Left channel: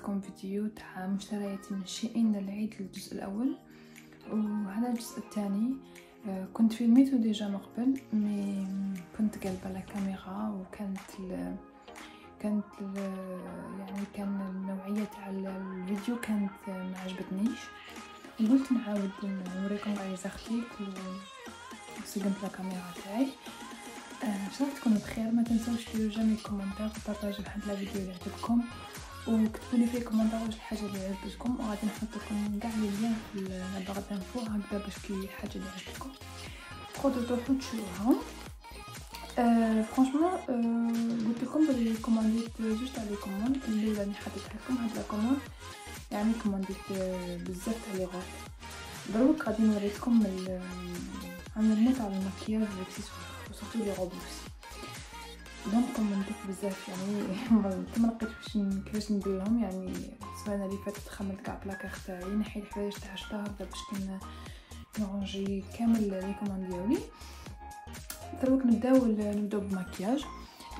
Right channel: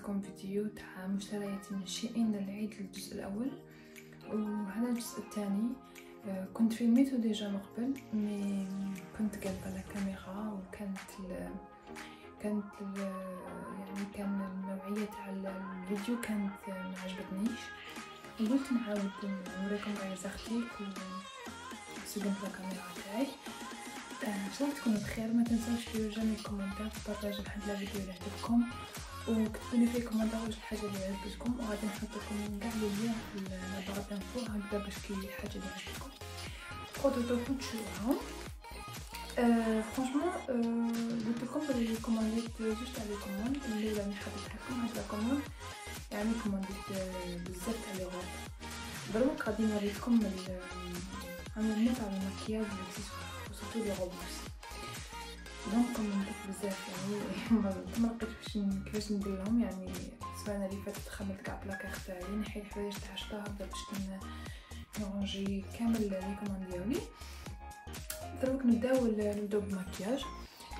لكم فيديو تاع مشترياتي من شيئين للعيد الجزء الاول، وهذا الجزء الثاني كنت فيلميته ديجا من قبل، مي كنت قلبه على كاميرا وكانت كان النوعيه تاع الفيديو كانت ما عجبتنيش، قلت نعاود نوريكم عايزه اختي وسجنت الكاميرا تاعي. شفتكم بخير، ما تنسوش ديروا لي كومنتات وبارطاجيو لحد الفيديو اللي عجبكم، وكتبوا لي في كومنتات واش الحاجه اللي عجبتكم، وغادي نحط لكم كاع لي لين في البلاغه انفو هكذا باش كي حاجه اللي عجبتكم تقدروا تشوفوها. فرانشمون قلت لكم بلي كومانديت جوست على كوموند اللي راني حاطط لكم هاد الكوموند، يعني كومانديت بزاف تاع لغات. دروك غادي نوريكم عملنا تاع المكياج وسيرتو لي روبوكس. دونك كومانديت بزاف، يعني ما لقيتش كيفاش نديرهم، يعني السنه اللي فاتت خملت كاع بلاكار تاعي نحي الحوايج تاع الشهر باش نرونجي كامل لي كوموند ديالي. دروك نبداو بالمكياج.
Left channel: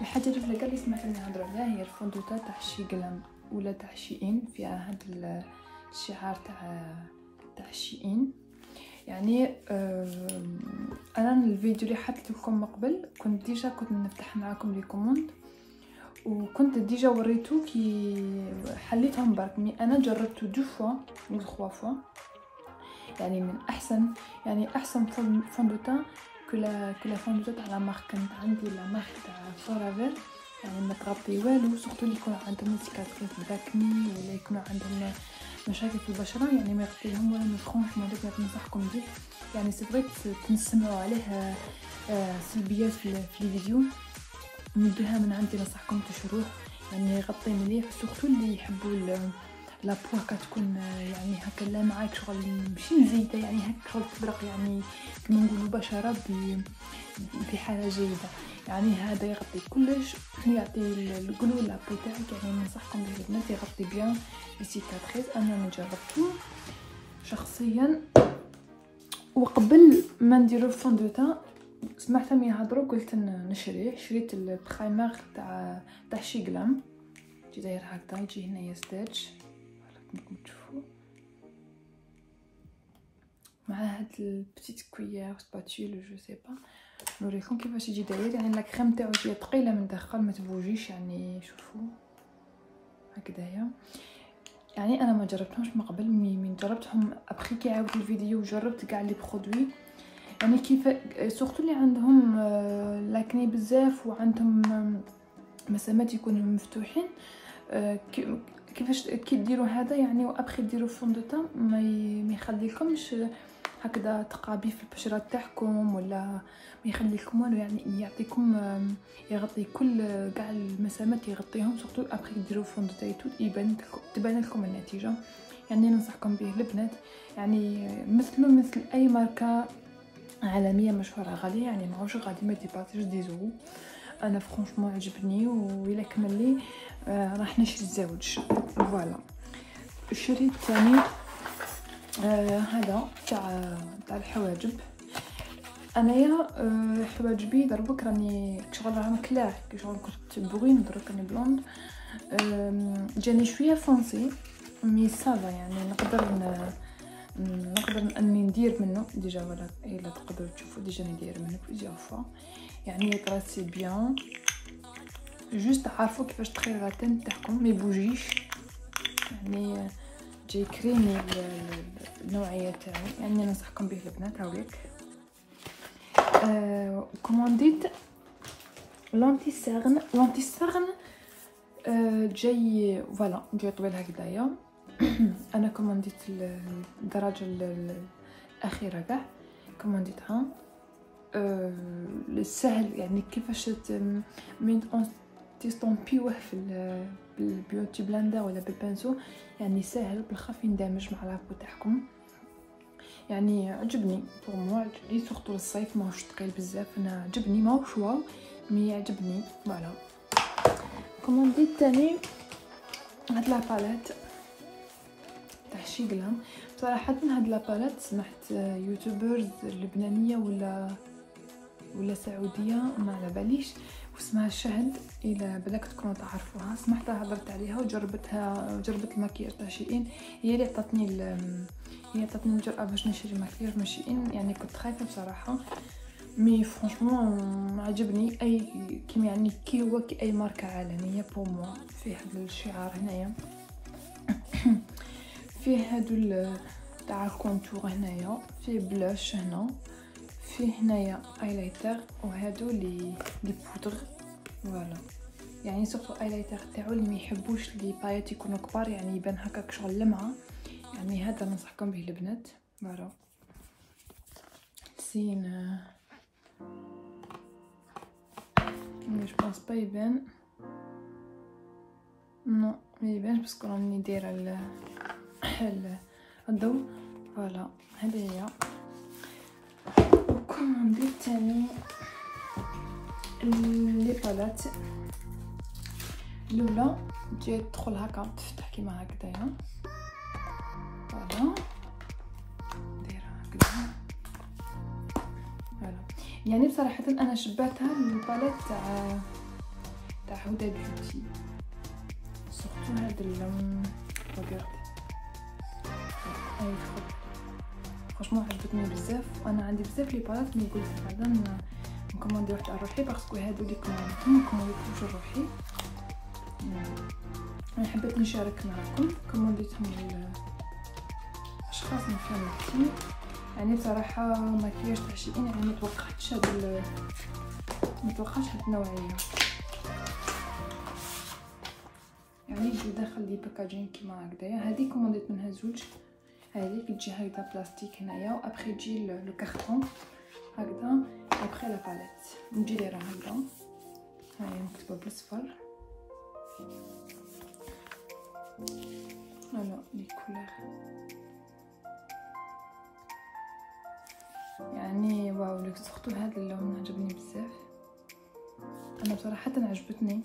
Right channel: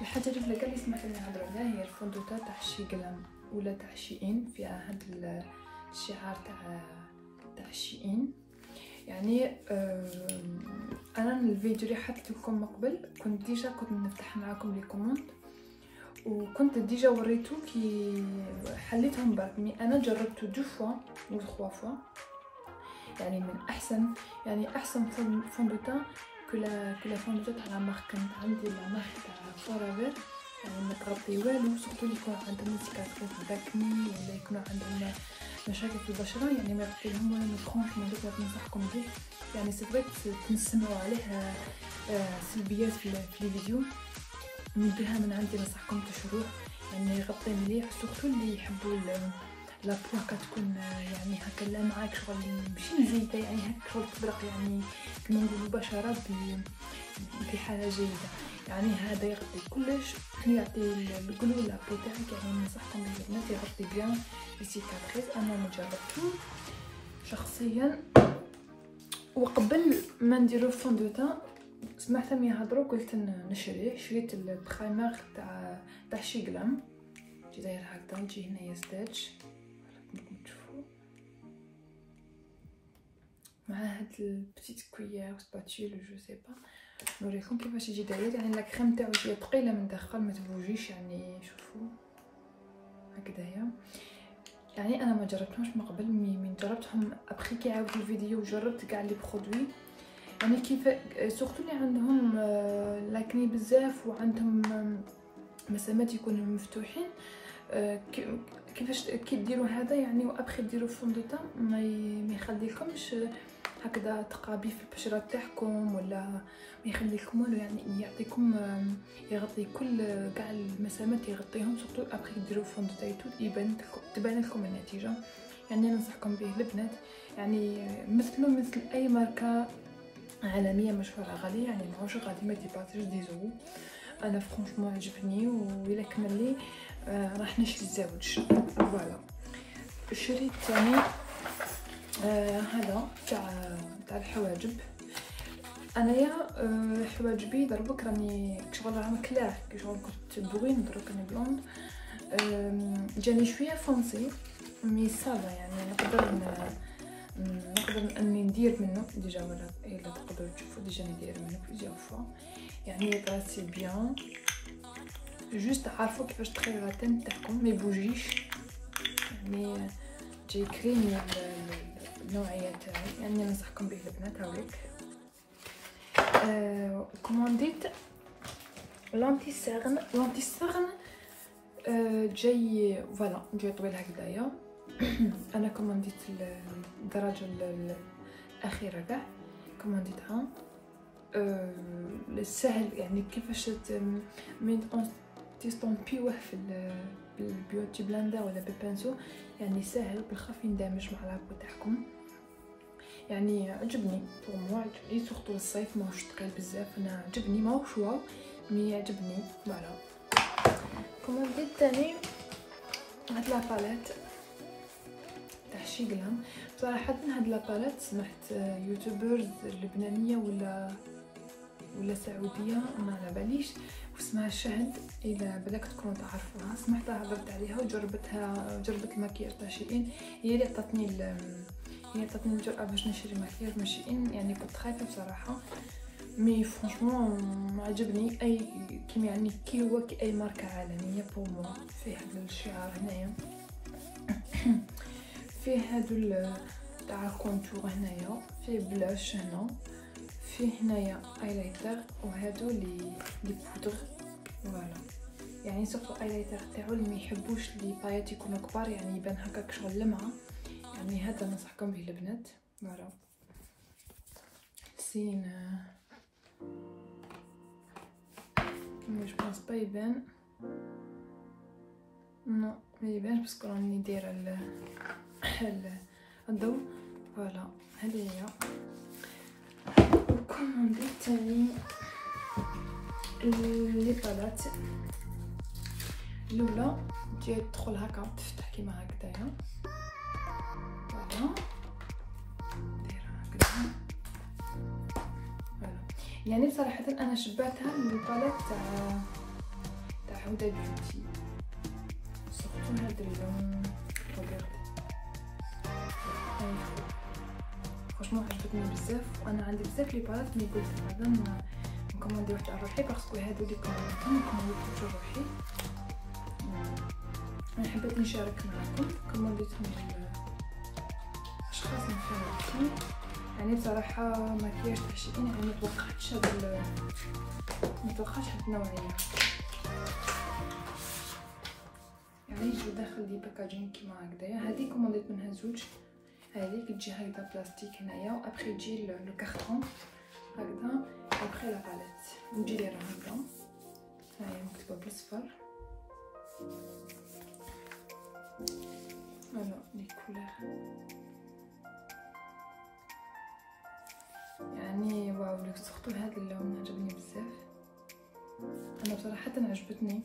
الحاجه اللي كاع اللي سمعت نهضر عليها هي الفوندوتا تاع شي غلام ولا تاع شيئين، فيها هاد الشعار تاع شيئين. يعني انا الفيديو اللي حطيت لكم من قبل كنت نفتح معاكم لي كوموند، وكنت ديجا وريتو كي حليتهم برك، مي انا جربته 2 فوا و 3 فوا، يعني من احسن فوندوتا كل فوندوتا تاع مارك. كانت عندي المارك تاع فورافير، يعني ما تغطي والو، سورتو اللي يكون عندهم سيكاتريس داكني ولا يكون عندهم مشاكل في البشره، يعني ما يغطيهم ولا فرانشمون دوك ننصحكم به. يعني سي فري تنسمعوا عليه سلبيات في الفيديو، نديها من عندي ننصحكم تشروه، يعني يغطي مليح، سورتو اللي يحبوا لا بو كتكون يعني هكا لامعه شغل ماشي مزيده، يعني هكا تبرق، يعني كما نقولوا بشره بحاله جيده. يعني هذا يغطي كلش، يعطي القلو لا بو تاعك، يعني ننصحكم بالبنات يغطي بيان لي سيكاتريس. انا جربته شخصيا، وقبل ما نديرو الفوندوتان سمعتهم يهضروا قلت نشريه. شريت البرايمر تاع شي غلام، جي داير هكذا، يجي هنايا ستاج راكم تشوفوا مع هاد البتيت كويير سباتول جو سي با، نوريكم كيفاش يجي داير. يعني لا كريم تاعو جايه ثقيله من الداخل، ما تبوجيش، يعني شوفوا هكذايا. يعني انا ما جربتهمش من قبل، من جربتهم ابخي كي عاودت الفيديو وجربت كاع لي برودوي، يعني كيف سورتو اللي عندهم لاكني بزاف وعندهم مسامات يكونوا مفتوحين، كيفاش كي ديروا هذا يعني، وابخي ديروا فوندوتان ما يخليكمش هكذا تقابي في البشره تاعكم، ولا ما يخليكم والو، يعني يعطيكم يغطي كل كاع المسامات، يغطيهم سورتو ابخي ديروا فوندوتان تبان لكم النتيجه. يعني ننصحكم به البنات، يعني مثل اي ماركه عالميه مشهوره غاليه، يعني ماهوش غادي ما ديبارطيش دي زورو. انا فرانشمون عجبني، وإلا كمل لي راح نشري الزوج. فوالا شريت ثاني هذا تاع الحواجب. انايا حواجبي دربك راني شغل راهم كلاح، كي شغل كنت بوين دروك انا بلوند، جاني شويه فونسي مي صافا، يعني نقدر اني ندير منه ديجا، ولا الا تقدروا تشوفوا ديجا ندير منه بليزيور فوا، يعني يطراسي بيان. جوست عارفوا كيفاش تخيروا التن تاعكم ما يبوجيش، يعني جاي كريمي النوعيه تاعي، يعني ننصحكم به البنات. هاوليك كومانديت لونتي سيرن جاي فوالا، جاي طويل هكذايا. انا كومانديت الدرجه الاخيره كاع، كومانديتها السهل، يعني كيفاش من تستونبيوه في البيوتي بلندر ولا بالبنسو، يعني سهل بالخف يندمج مع لابو تاعكم. يعني عجبني بور عجبني، سورتو الصيف ماهوش ثقيل بزاف، انا عجبني ماهوش واو مي عجبني. فوالا كومانديت تاني هاد لا باليت تاع شي غلام. صراحه هاد لا باليت سمعت يوتيوبرز لبنانيه ولا سعوديه ما على باليش، اسمها الشهد، اذا بدك تكونوا تعرفوها. سمعتها هضرت عليها وجربتها، جربت المكياج تاع شيئين. هي اللي عطاتني الجرأة باش نشري مكياج من شيئين. يعني كنت خايفه بصراحه، مي فرانشمون عجبني. اي كيما يعني كي هو كي اي ماركه عالميه بور موا. فيه هذا الشعار هنايا، فيه هادو تاع كونتور هنايا، فيه بلاش هنا، فيه هنايا ايلايتر، وهادو لي بودر. فوالا يعني سورتو ايلايتر تاعو اللي ما يحبوش لي بايات يكونوا كبار، يعني يبان هكاك شغل لمعه. يعني هذا ننصحكم به البنات. فوالا سين مش بونس با يبان، نو ما يبانش باسكو راني دايره الضوء. فوالا هذه هي. وكومونديت تاني لي بالات. الاولى تجي تدخل هكا تفتح كيما هكذايا. فوالا دايره هكذا. يعني بصراحه انا شبعتها من الباليت تاع هدى بيوتي، سورتو هاد اللون ريغاردي فرانشمون عجبتني بزاف. انا عندي بزاف لي باليت مي قلت هذا نكوموندي واحد على روحي باسكو هادو اللي كومونديتهم روحي. انا حبيت نشارك معكم. كومونديتهم الاشخاص اللي فهمتهم. يعني بصراحه مكياج تاع شيئين يعني متوقعتش هاد النوعيه. يعني يجي داخل لي باكاجين كيما هكذايا. هذه كومونديت منها زوج. هذيك تجي هكذا بلاستيك هنايا، وابخي يجي لو كارطون هكذا، وابخي لا باليت نجي لي راه هكذا. هاهي مكتوبه بالاصفر. فوالا لي كولور يعني واو. لو سختو هذا اللون عجبني بزاف. انا صراحه عجبتني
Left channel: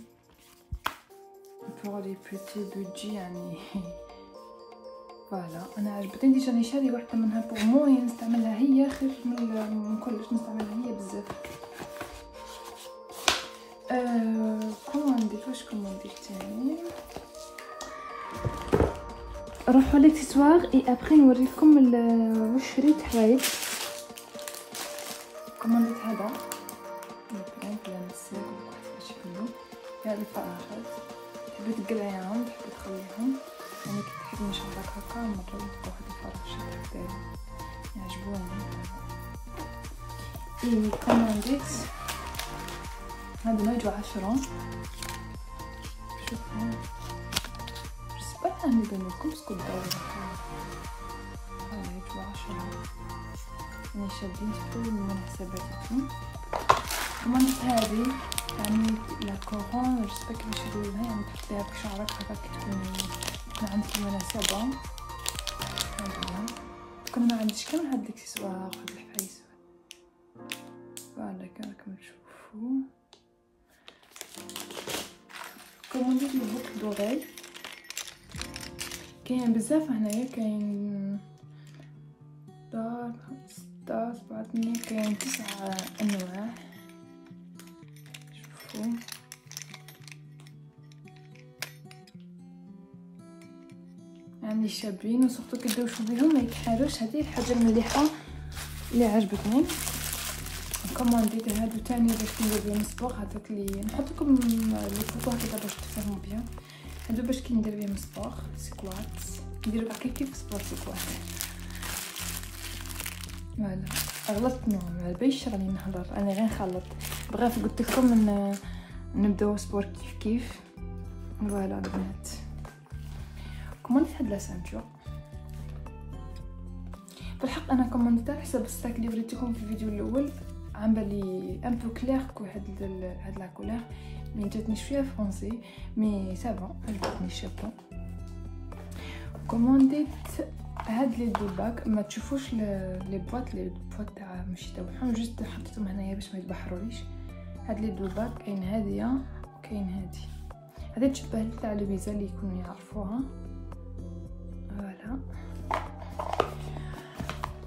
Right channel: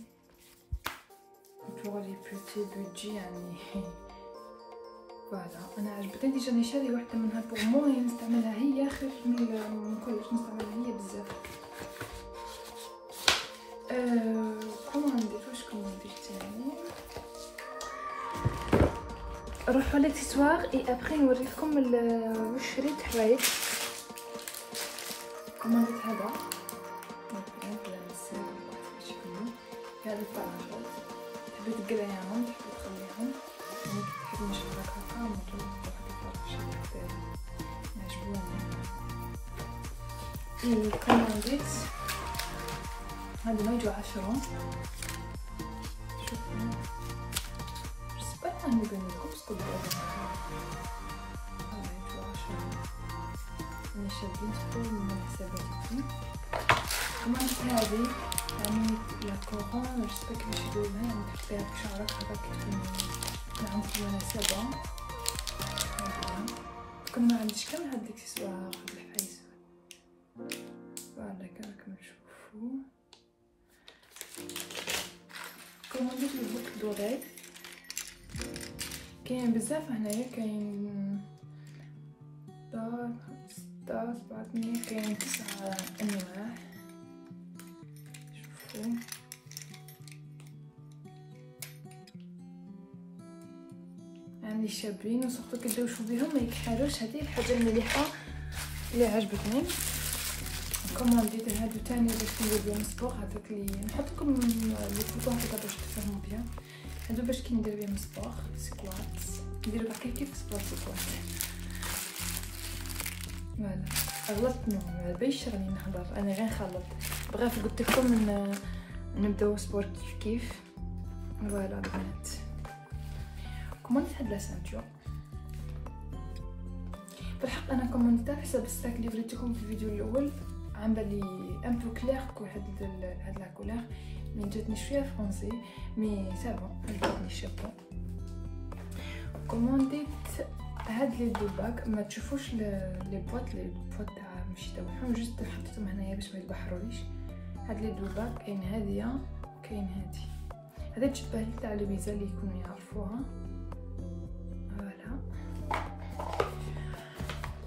بور لي بيتي بودجي يعني. فوالا انا عجبتني ديجا. راني شاري واحده منها بور مو نستعملها هي خير من كلش نستعملها هي بزاف. كومونديت واش كومونديت تاني. نروحو ليكسسوار اي ابري نوريكم واش شريت حوايج. كومونديت هذا هذه فراغات. حبيت القلايان، حبيت نخليهم يعني كي تحب نشرب هكا نطلق هذا الشكل ديالو يعجبوني. اي كومونديت هذا ما يجو 10. شوفوا جسبر ندير لكم باسكو دابا يجو 10. انا شادين شويه من حساباتكم. كومونديت هذه يعني لا كورون جسبر كيفاش يديروها، يعني تحطيها في شعرك هكاك ما عندك مناسبة. كون ما عنديش كامل هاد الاكسسوار خاطر في اسود. فوالا كما راكم تشوفوا كومونديت البوك دوري. كاين بزاف هنايا، كاين 6 7 8 كاين 9 انواع. شوفوا يعني شابين وصفتو كيدوشو بهم ما يكحالوش. هذه الحاجه المليحه اللي عجبتني. كومونديت هادو تاني باش ندير بهم سبور. هذاك اللي نحط لكم لي فوتو هكذا باش تفهموا بهم. هادو باش كي ندير بهم سبور سكوات، ندير كيف سبور سكوات. فوالا غلطت ما باليش راني نهضر، انا غير نخلط. بغيت قلت لكم نبداو سبور كيف. فوالا البنات كومونديت هاد لا سانتور. بالحق انا كومونديت على حسب الساك اللي وريتكم في الفيديو الاول. عم بالي ان بو كلير كو هاد لا كولور مي جاتني شويه فرونسي مي سافون عجبتني الشابو. كومونديت هاد لي ديباك ما تشوفوش لي بواط تاع ماشي تاعهم، جوست حطيتهم هنايا باش ما يتبحروليش. هاد لي دوباك كاين هاديه كاين هادي تشبه لي تاع البيزا اللي يكونوا يعرفوها. فوالا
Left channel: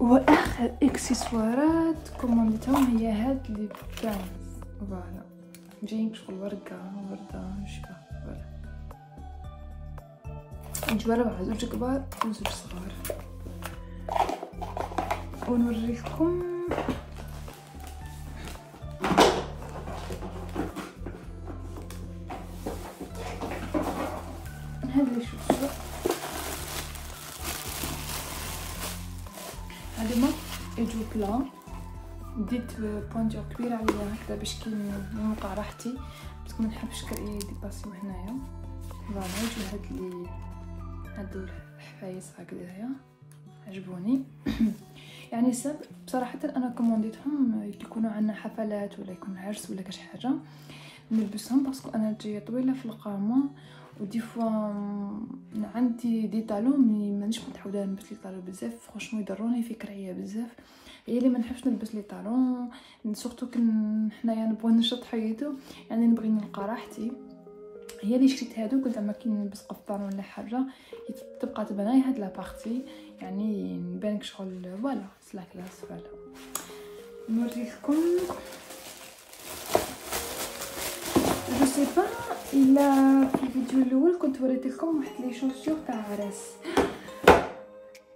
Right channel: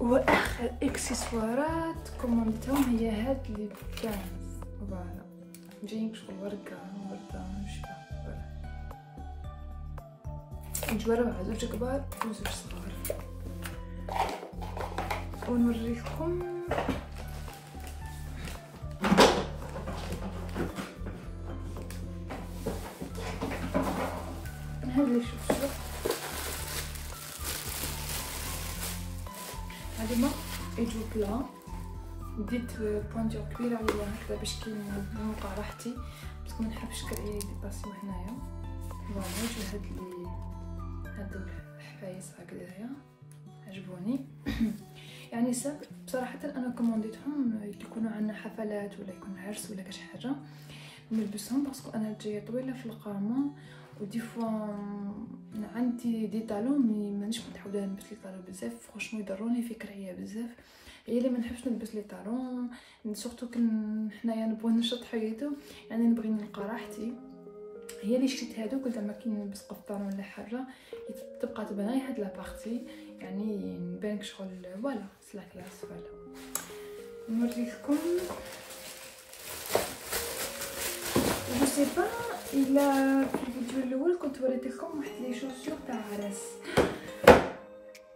واخر اكسسوارات كومونديتهم هي هاد لي بانز. فوالا جايين شغل ورقة نشبه نجرب على زوج كبار وزوج صغار ونوريكم هذا اللي شفتوا. هذوما يجوا بلان، ديت بونجور كبيره عليهم هكذا باش كي نوقع راحتي، بس ما نحبش كرعي يديباسيو هنايا. فوالا يجوا هادو الحفايس هكذايا عجبوني. يعني ساب بصراحه انا كومونديتهم يكونوا عندنا حفلات ولا يكون عرس ولا كاش حاجه نلبسهم، باسكو انا جايه طويله في القامه ودي فوا عندي دي طالون مانيش متعوده نلبس لي طالون بزاف، فرانشمون يضروني في كرعيه بزاف. هي اللي ما نحبش نلبس لي طالون، سورتو كن حنايا نبغي نشط حياتو، يعني نبغي نلقى راحتي. هي اللي شريت هادو قلت اما كي نلبس قفطان ولا حاجه تبقى تبان غير هاد لا بارتي، يعني نبانك شغل فوالا سلا كلاس. فوالا نوريكم جو سي با الا في الفيديو الاول كنت وريت لكم واحد لي شوسور تاع عراس،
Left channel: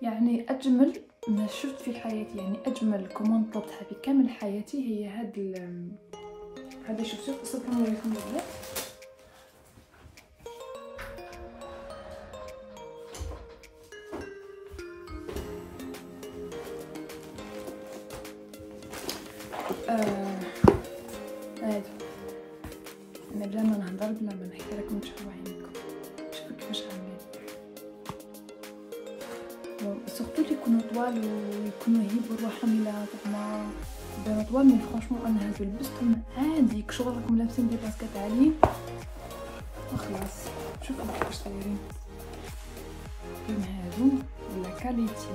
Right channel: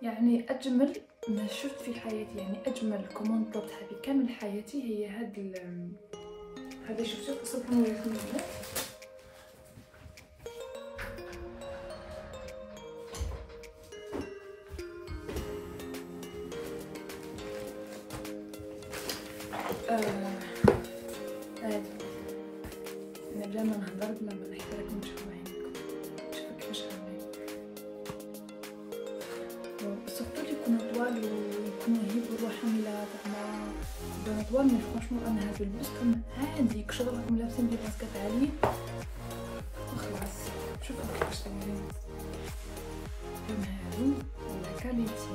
يعني اجمل ما شفت في حياتي، يعني اجمل كوموند طلبتها في كامل حياتي هي هذا الشوسور. قصه نوريكم دابا. هادي انا بلا ما نهضر بلا ما نحكي لكم شحال عينيكم، شوفوا كيفاش عاملين. سورتو يكونوا طوال ويكونوا يهيبوا روحهم الى زعما يكونوا طوال، مي فرانشمون انا هادو لبستهم عادي كشغلكم لابسين دي باسكات عاليين وخلاص. شوفوا كيفاش دايرين كاين هادو ولا كاليتي،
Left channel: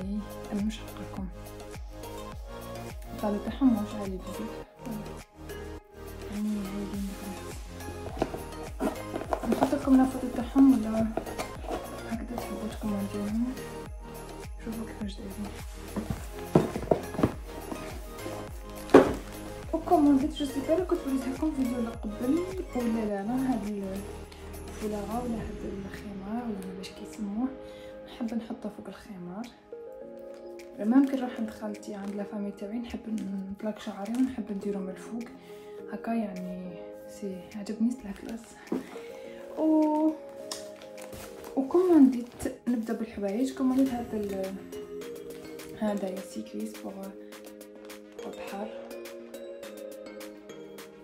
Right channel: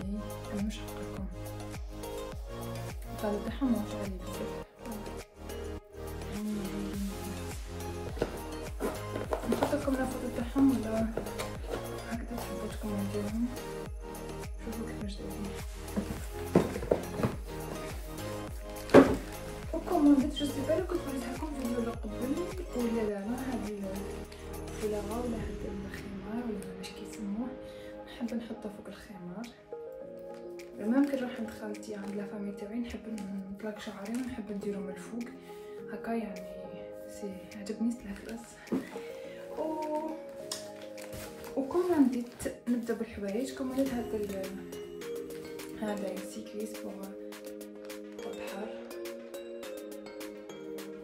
انا مش حقلكم الطلب تاعهم مش عالي بزاف. يعني هادي نحط لكم الفوطو تاعهم ولا هكذا تحبوا تكومونتيهم. شوفوا كيفاش دايرين وكومونديت. جو سي با كنت وريتها لكم فيديو اللي قبل ولا لا. هادي فولاغ ولا هاد الخمار ولا واش كيسموه، نحب نحطها فوق الخمار. لما يمكن نروح عند خالتي عند لا فامي تاعي نحب نطلق شعري ونحب نديرو من الفوق هكا، يعني سي عجبني سلا كلاس. وكومونديت نبدا بالحوايج. كومونديت هذا سيكليس بور البحر.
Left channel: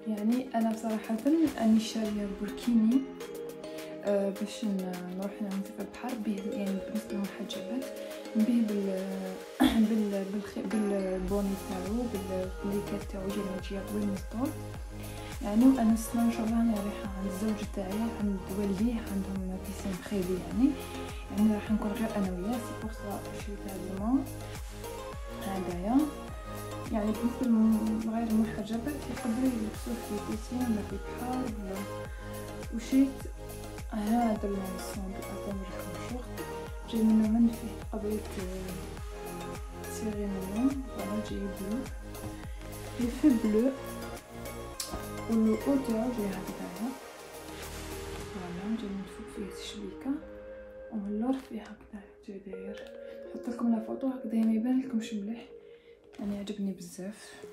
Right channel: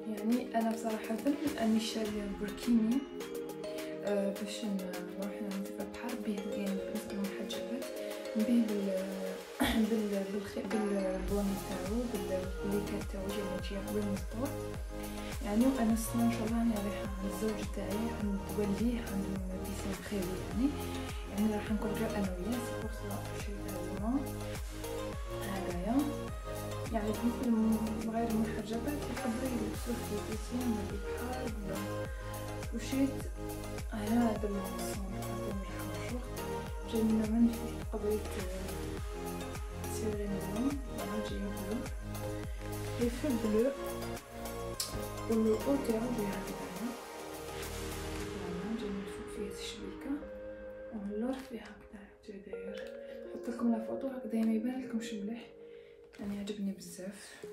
يعني انا بصراحه اني شاريه بركيني باش نروح نعمل في البحر به، يعني بالنسبه للمحجبات به بالبوني تاعو بالليكات تاعو جاي قبل المسطور. يعني انا السنه ان شاء الله انا رايحه عند الزوج تاعي عند والديه عندهم بيسين خيري، يعني راح نكون انا وياه. سي بور سا شريت هذوما هدايا. يعني بالنسبه لغير المحجبات يحبوا يلبسوا في بيسين ولا في البحر. وشريت هذا الصندوق هذا مريح جاي من فيه قبيلة سيرينيون، يعني جاي بلو لي في بلو والأوتور جاي هكذايا، يعني جاي من فوق فيه شبيكة ومن اللور فيه هكذايا جاي داير. نحطلكم لا فوطو هكذايا ميبانلكمش مليح، يعني عجبني بزاف.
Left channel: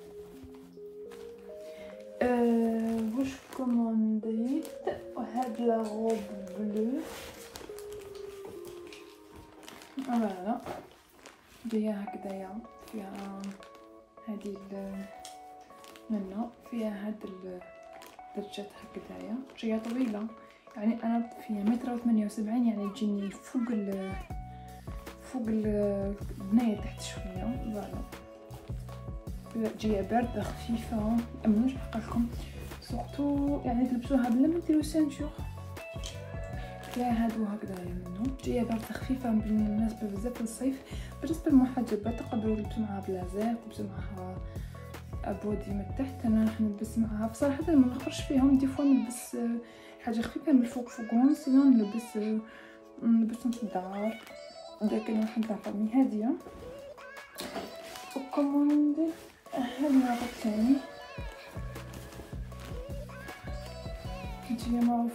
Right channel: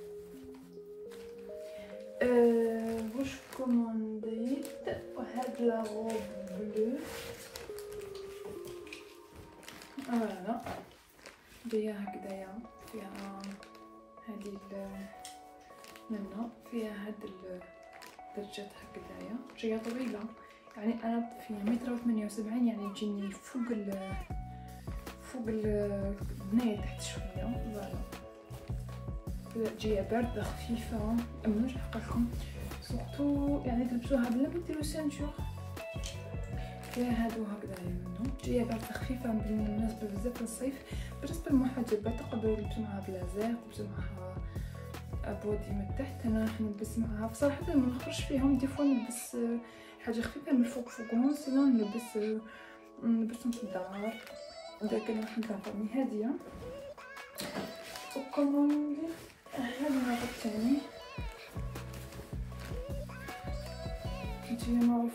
واش كومونديت وهاد لا غوب بلو فوالا جايه هكذايا، فيها هادي منه فيها هاد الدرجات هكذايا، جايه طويله. يعني انا فيها 1.78 متر، يعني تجيني فوق البنايه تحت شويه. فوالا جايه بارده خفيفه، مش حقلكم سورتو يعني تلبسوها بلا ما ديرو سانجور. فيها هادو هكذايا منو جايه بارده خفيفه بالنسبه بزاف للصيف. بالنسبه للمحجبات تقدروا تلبسوا معاها بلازير، تلبسوا معاها بودي من تحت. انا راح نلبس معاها بصراحه ما نخرج فيهم، دي فوا نلبس حاجه خفيفه من فوقهم، سينو نلبس في الدار. لكن راح نبقى فمي هاديه. وكومونديت هذا الثاني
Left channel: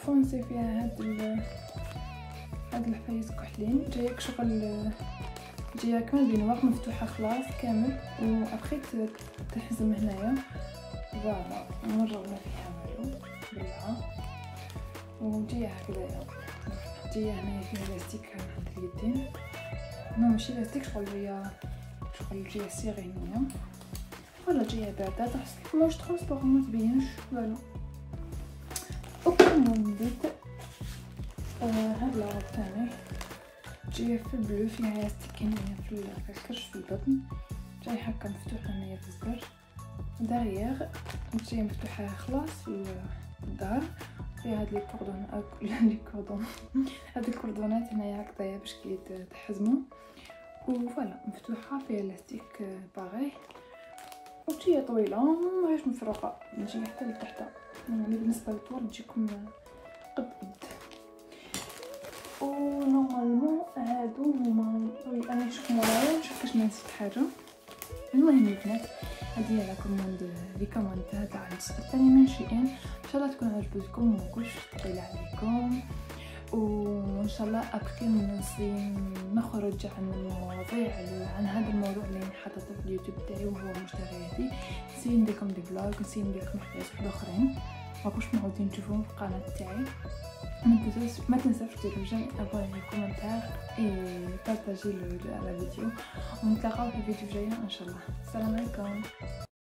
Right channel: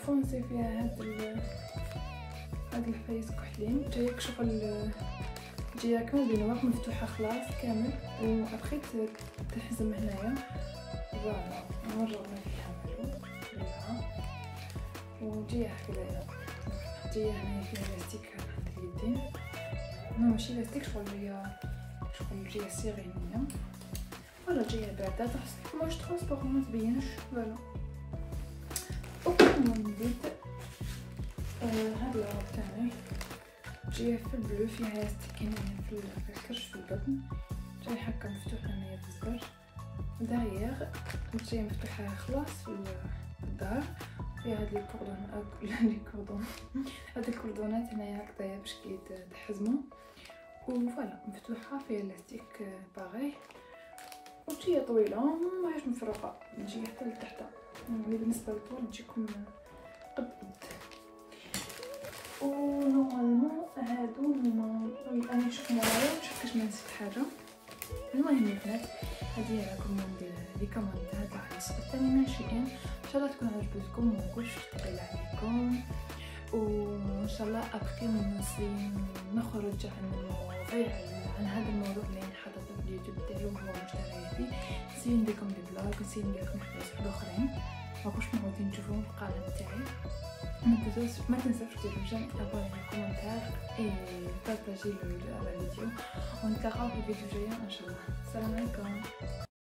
فونسي فيها هاد الحفايس كحلين. جايك شغل جايه كامل بنواق مفتوحه خلاص كامل، وابخي تحزم هنايا. فوالا نوريوها فيها بليها، وجايه هكذايا. جايه هنايا فيها لاستيك عند اليدين، نو ماشي لاستيك، شغل جايه سيغينيه. ولا جايه باردة تحس واش ترونسبارون ما تبينش. فوالا وكمل نبدا هاد العرض تاعي جايه في البلو، فيها لاستيكين في الكرش في البطن، جايه هكا مفتوحه هنايا في الزر داريير، جايه مفتوحه خلاص في الظهر. فيها هاد هاد الكوردونات هنايا هكذايا باش كي تحزمو. وفوالا مفتوحه فيها لاستيك باغي، وجايه طويله ماهيش مفرقه، نجي حتى لتحت. يعني بالنسبه للطول تجيكم قد ونورمالمون هادو هما. انا شكون كيفاش ما نسيت حاجه. المهم البنات هادي راكم لي كومونت تاع الثاني ماشيين، ان شاء الله تكون عجبتكم وماكوش ثقيله عليكم. وان شاء الله ابكي نخرج عن المواضيع عن هذا الموضوع اللي حاطه في اليوتيوب تاعي وهو مشترياتي. نسي نديركم دي بلوغ، نسي نديركم حوايج اخرين ماكوش معودين تشوفوهم في القناه تاعي. ما تنساوش ديروا جيم، ابوني، كومنتار اي بارطاجي الفيديو، ونتلاقاو في الفيديو الجاي ان شاء الله. السلام عليكم.